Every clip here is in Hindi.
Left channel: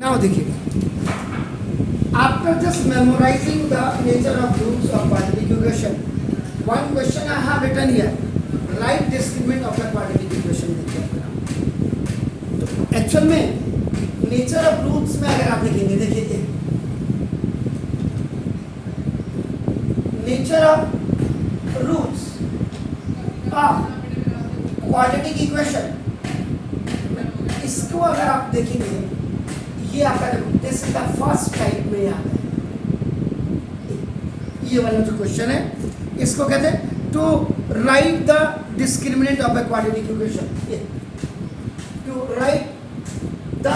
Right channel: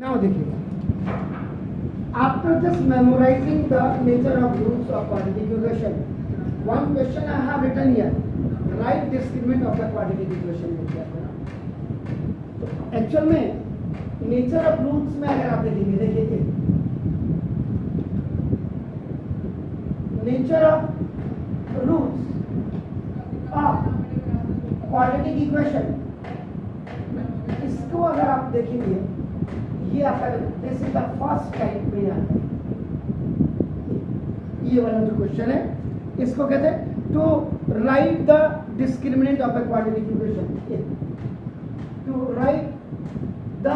Now देखिएगा, after just memorizing the nature of roots of quadratic equation, one question I have written here, write discriminant of the quadratic equation. देखिए तो एक्चुअल में नेचर ऑफ रूट्स में अगर आप देखेंगे, देखिए nature of roots of quadratic equation, इसको अगर आप देखेंगे, ये आपका this is the first type में आता है। ये वाला जो क्वेश्चन है इसको कहते हैं to write the discriminant of a quadratic equation, to write the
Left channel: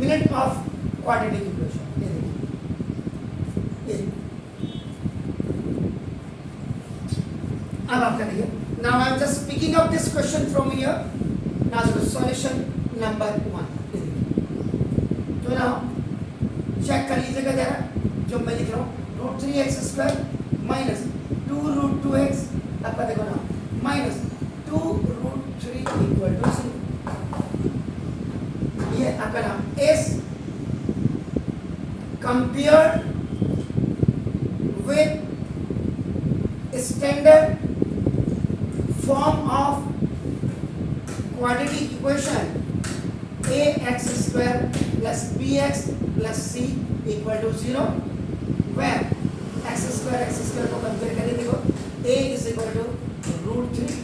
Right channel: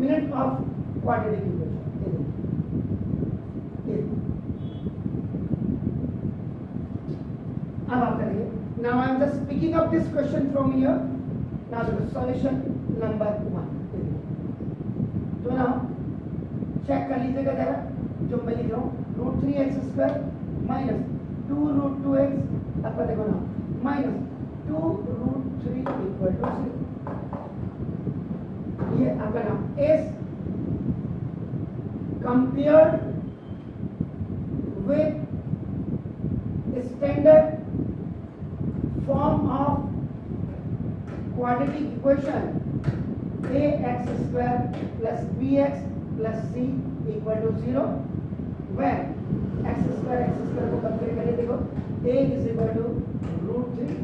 minute of quadratic equation. ये अब आप करिए। Now I am just picking up this question from here. Now the solution number 1. तो now चेक कर लीजिएगा जरा, जो मैं लिख रहा हूँ root 3x square minus 2 root 2x, आपका देखो ना माइनस 2 रूट 3 इक्वल टू 0। ये आपका नाम is compared with standard form of quadratic equation ax square plus bx plus c equal to 0, where x square को कंपेयर करें, देखो a is equal to root 3,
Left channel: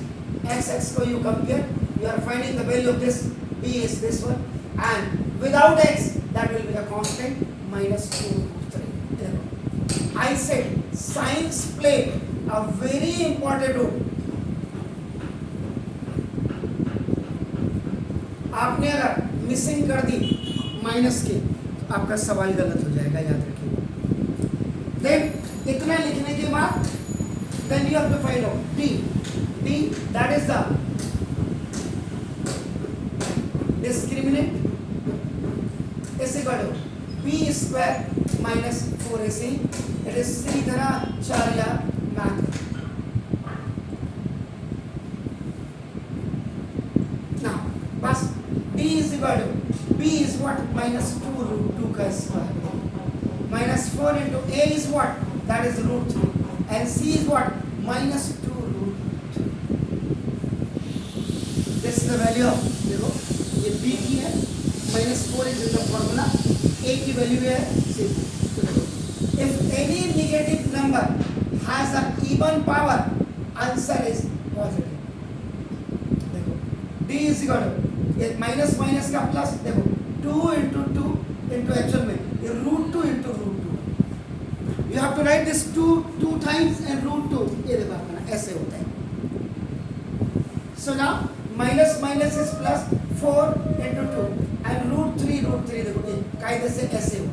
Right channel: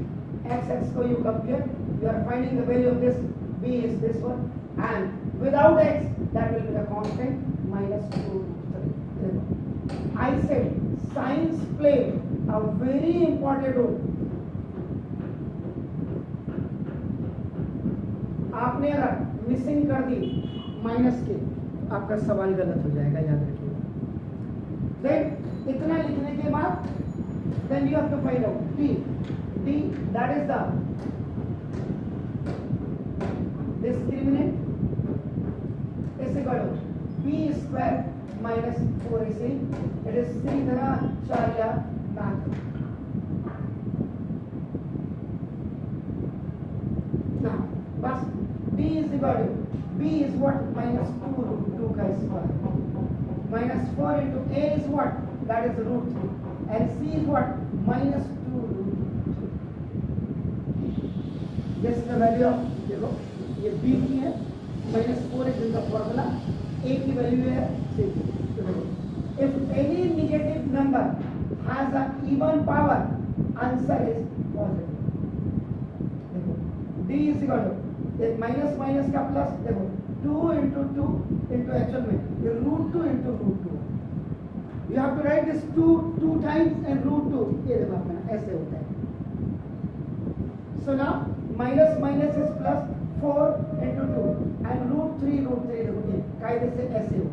x को you compare, you are finding the value of this, b is this one, and without x that will be the constant minus 2 root 3. I said science played a very important role. आपने अगर मिसिंग कर दी माइनस के, तो आपका सवाल गलत हो जाएगा, याद रखिएगा। देन इतना लिखने के बाद then you have to find out d that is the discriminant is equal to b square minus 4ac। It is सीधी तरह 4 या मैथ। now बस d is equal to b is what minus 2 root 2 का square minus 4 into a is what, that is root 3, and c is what minus 2 root 3. this is the value of, देखो ये b की है, minus 4 is in the formula, a की value है c। तो देखो if any negative number has a even power, answer is positive। देखो d is equal to ये माइनस माइनस का प्लस, देखो 2 into 2 into एक्चुअल में ये root 2 into root 2, you have to write this 2 times and root 2, ये देखो अपना ऐसे होता है। So now minus minus is plus 4 into 2 and root 3 देखो ये कायदे से ऐसे हो,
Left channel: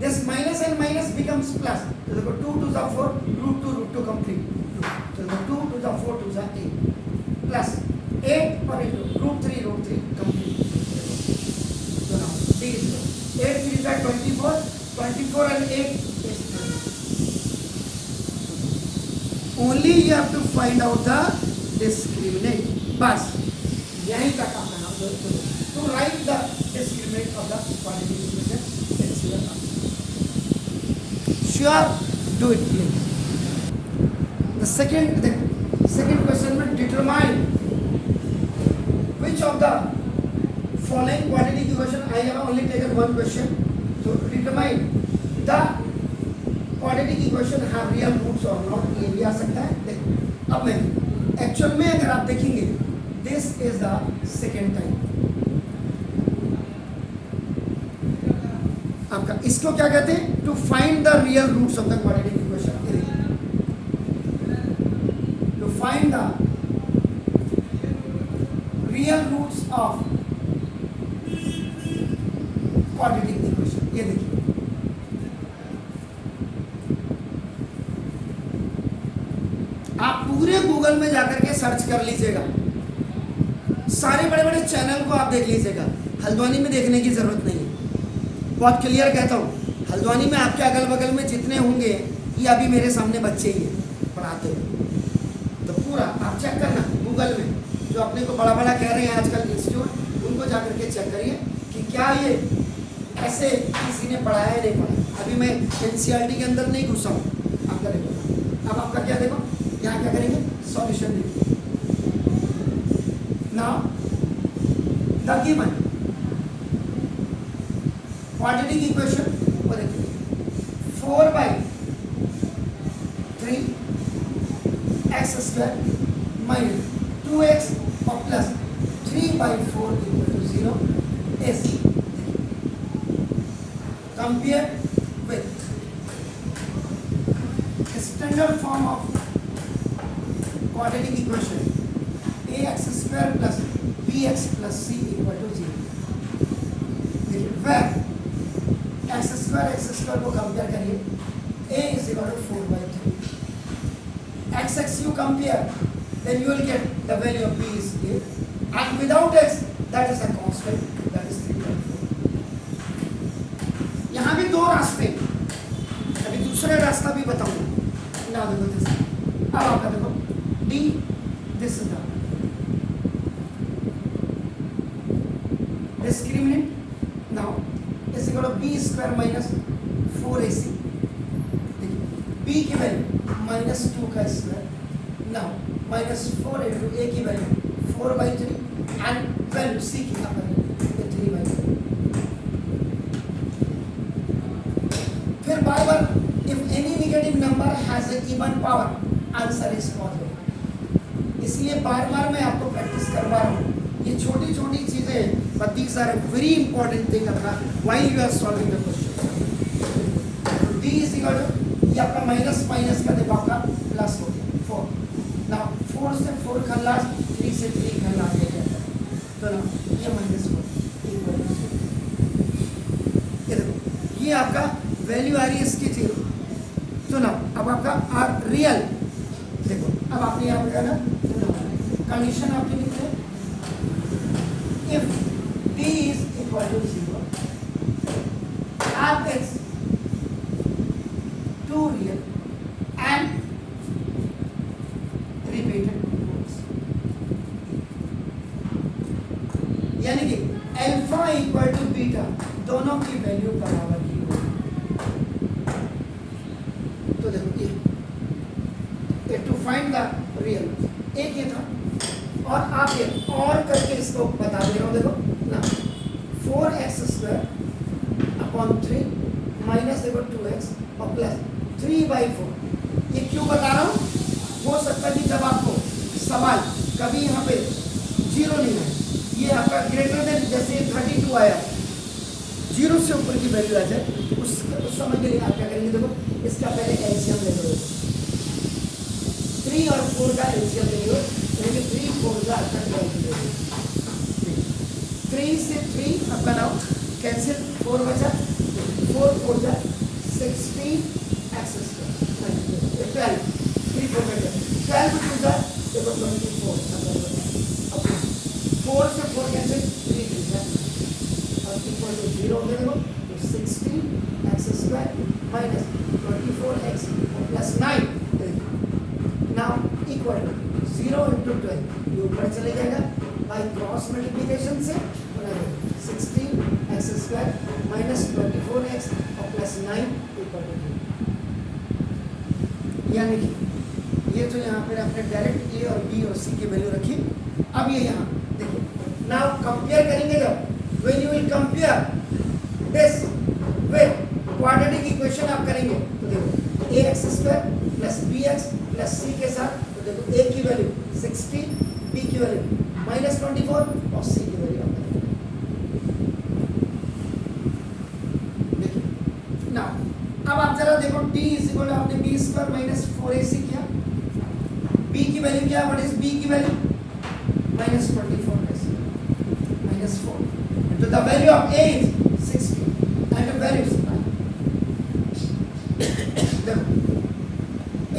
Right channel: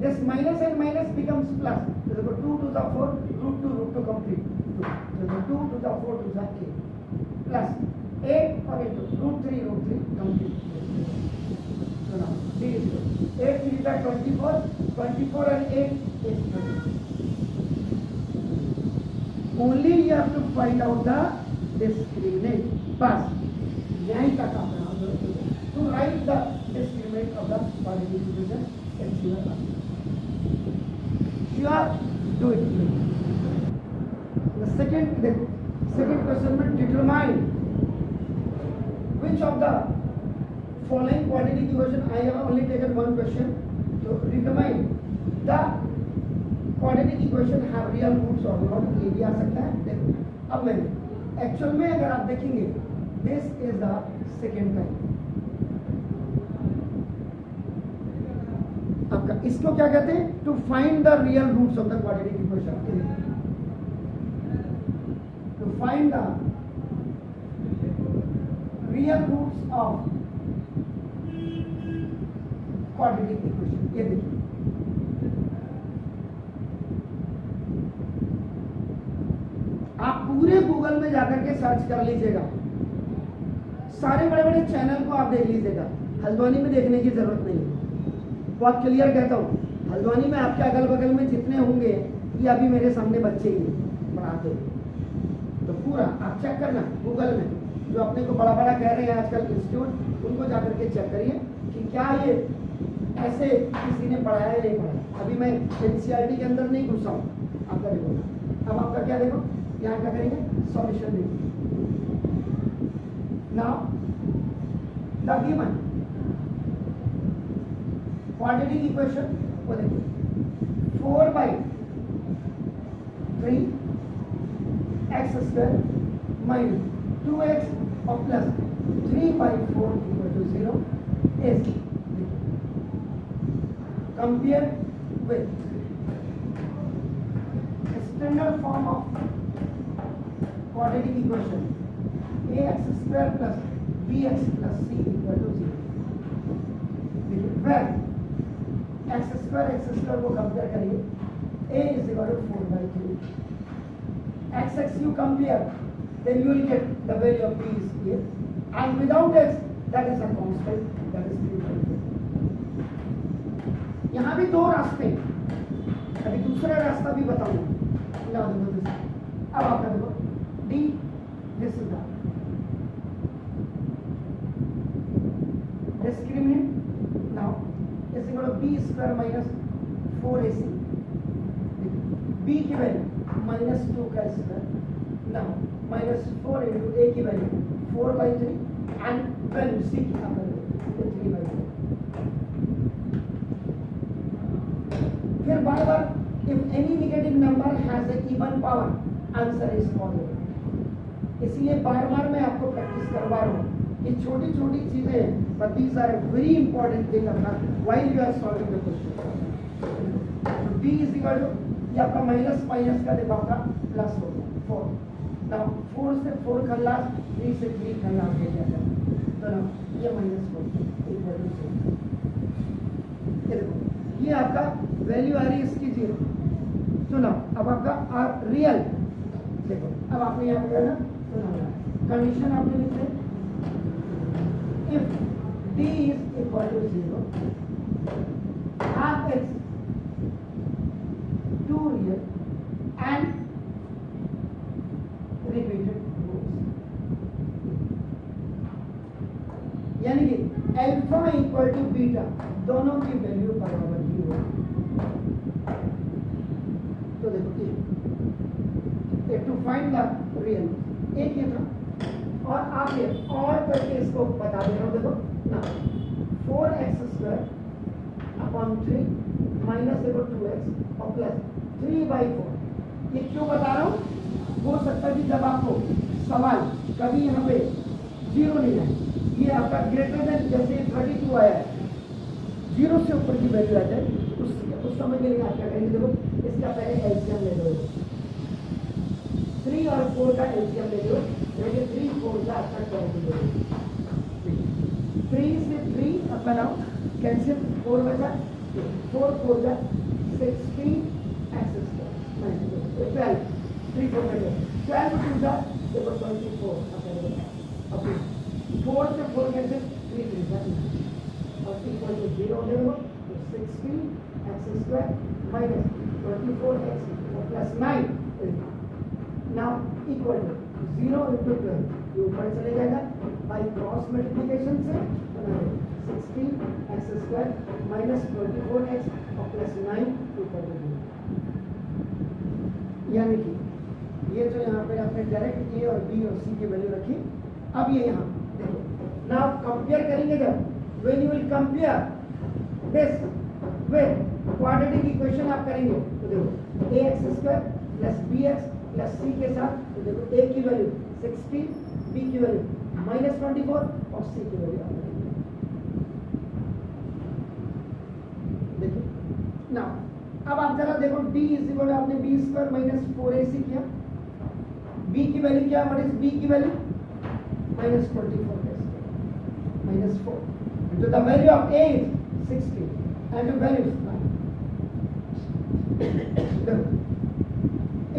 this minus and minus becomes plus, तो देखो 2 to the 4 रूट 2 कंप्लीट, तो 2 to the 4 to the 8 plus 8 और root 3 complete. so now d is 8 3 is 24 and 8 is 30। only you have to find out the discriminant, बस यही तक का नाम है। to write the discriminant of the quadratic equation, let's see the sure do it please। the second question में determine which of the following quadratic equation, I have only taken one question, so determine the quadratic equation have real roots or not, ये भी आ सकता है। देखो अब मैं एक्चुअल में अगर आप देखेंगे, this is the second time आपका, इसको क्या कहते हैं, to find the real roots of the quadratic equation, to find the real roots of quadratic equation। ये देखिए आप पूरे गूगल में जाकर के सर्च कर लीजिएगा, सारे बड़े बड़े चैनल को आप देख लीजिएगा, हल्द्वानी में देखने की जरूरत नहीं है। बहुत क्लियर कहता हूँ, हल्द्वानी में आपके अगल बगल में जितने होंगे, ये अभी मेरे सामने बच्चे ही हैं पढ़ाते हैं, तो पूरा आप चेक करना गूगल जो अपने को बड़ा बड़ा कह रहे हैं आजकल इंस्टीट्यूट, उनको जाकर के चेक करिए कि क्या ये ऐसे किसी ने पढ़ाया है नहीं पढ़ाया। अभी मैं एनसीईआरटी के अंदर नहीं घुसा हूँ, आपका देखो। अब आपका क्या देखो, यहाँ क्या करेंगे, सॉल्यूशन देखिए। Now the given quadratic equation वो देखिए 4/3 एक्स स्क्वायर माइनस 2x और plus 3/4 equal to 0 is compare with standard form of quadratic equation ax square plus bx plus c equal to 0, where x square को कंपेयर करिए, a is equal to 4/3, x you compare, then you will get the value of b is here, and without x that is a constant, that is 3/4. यहाँ भी दो रास्ते, अभी दूसरा रास्ता भी बताऊंगा ना। देखो दिस, अब आपका देखो d, this is the discriminant. Now is equal to b square minus 4ac, b की वैल्यू -2 का स्क्वायर, now -4 into a की वैल्यू 4/3 and वैल्यू c की क्या वैल्यू 3/4. फिर बार बार if any negative number has a even power, answer is positive. इसलिए बार बार मैं आपको प्रैक्टिस करवा रहा हूँ, ये छोटी छोटी चीजें, but these are a very important thing while you are solving the question. d is equal to, ये आपका माइनस माइनस का देखो आपका प्लस हो गया 4. नाउ 4 से 4 का लास्ट, 3 से 3 का लास्ट ले जाता है, तो ना ये -4 इक्वल टू 0. ये देखो ये आपका वैल्यू आ रही है इसकी 0. तो ना अब आपका आर रियल देखो, अब आपने यहाँ पे ना कंडीशन आपकी लिखी है, if d is equal to 0 and it's two real and repeated rows, यानी कि अल्फा इक्वल टू बीटा दोनों की वैल्यू बराबर ही होगी. तो देखो ये टू फाइंड द रियल, एक ये था, और आप ये और करके इसको बता दे रहा हूँ. देखो ना 4x स्क्वायर अपॉन 3 माइनस देखो 2x और प्लस 3/4. ये क्यों बता रहा हूँ, हो सकता है कि जब आपको सवाल कभी यहाँ पे 0 नहीं है, ये आपका ग्रेटर देन जैसे 32 आया, 0 से ऊपर की वैल्यू आ जाए, उस समय के लिए आप क्या करेंगे, देखो इसका पहले एलसीएम ले लो, 3 और 4 का एलसीएम ले लो, 3 4 का आपका 3 से 3 आपका नाउ कैंसिल, 4 बचा, 4 4 जा 16 एक्स स्क्वायर 12, 3 4 का 12 2 जा देखो 24 अब 4 से 4 कैंसिल, 3 3 जा और इक्वल टू 0 हो गया. तो 16 X square minus 24 X plus 9 now equal to 0 into 12, ये ऊपर चले जाएगा बाई क्रॉस मल्टीप्लिकेशन से, 16 एक्स स्क्वायर माइनस 24 एक्स और प्लस 9 इक्वल टू 0. यानी कि ये जो यहाँ पर आपने डायरेक्ट ए और बी और सी की वैल्यू रखी, अब ये यहाँ देखिए नाउ कंपेयर करेंगे, जब when you will compare this with quadratic equation आप करेंगे, तो देखो ax square plus bx plus c के साथ, तो देखो a की वैल्यू 16, b की वैल्यू -24 और c की वैल्यू आपका देखिए. ना अब आप जरा देखो d इज इक्वल, आपने b स्क्वायर माइनस 4ac किया, b की वैल्यू क्या है, व्हाट इज b की वैल्यू -24 -4, तो the value of a is 16 and the value is 9.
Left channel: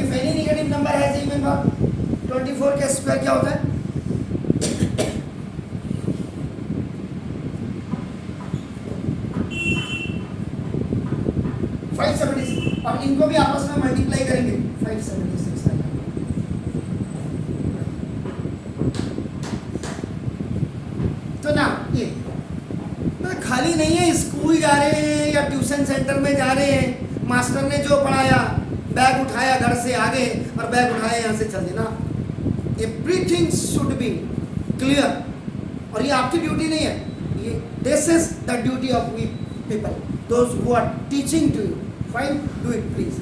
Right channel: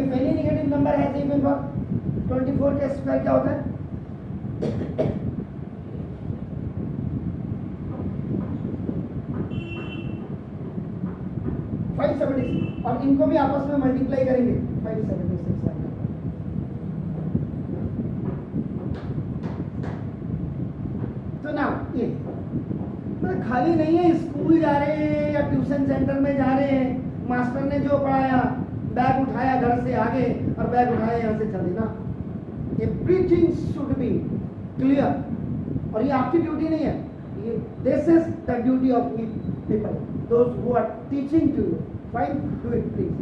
If any negative number has even power, 24 का स्क्वायर क्या होता है, 576, और इनको भी आपस में मल्टीप्लाई करेंगे 576 आएगा. तो ना ये मतलब खाली नहीं है, स्कूल जा रहे हैं या ट्यूशन सेंटर में जा रहे हैं, मास्टर ने जो पढ़ाया, बैग उठाया घर से आगे और बैग उठाया यहाँ से चल देना। एवरीथिंग शुड बी क्लियर, और ये आपकी ड्यूटी नहीं है, ये this is the duty of we people, those who are teaching to you. Fine, do it please.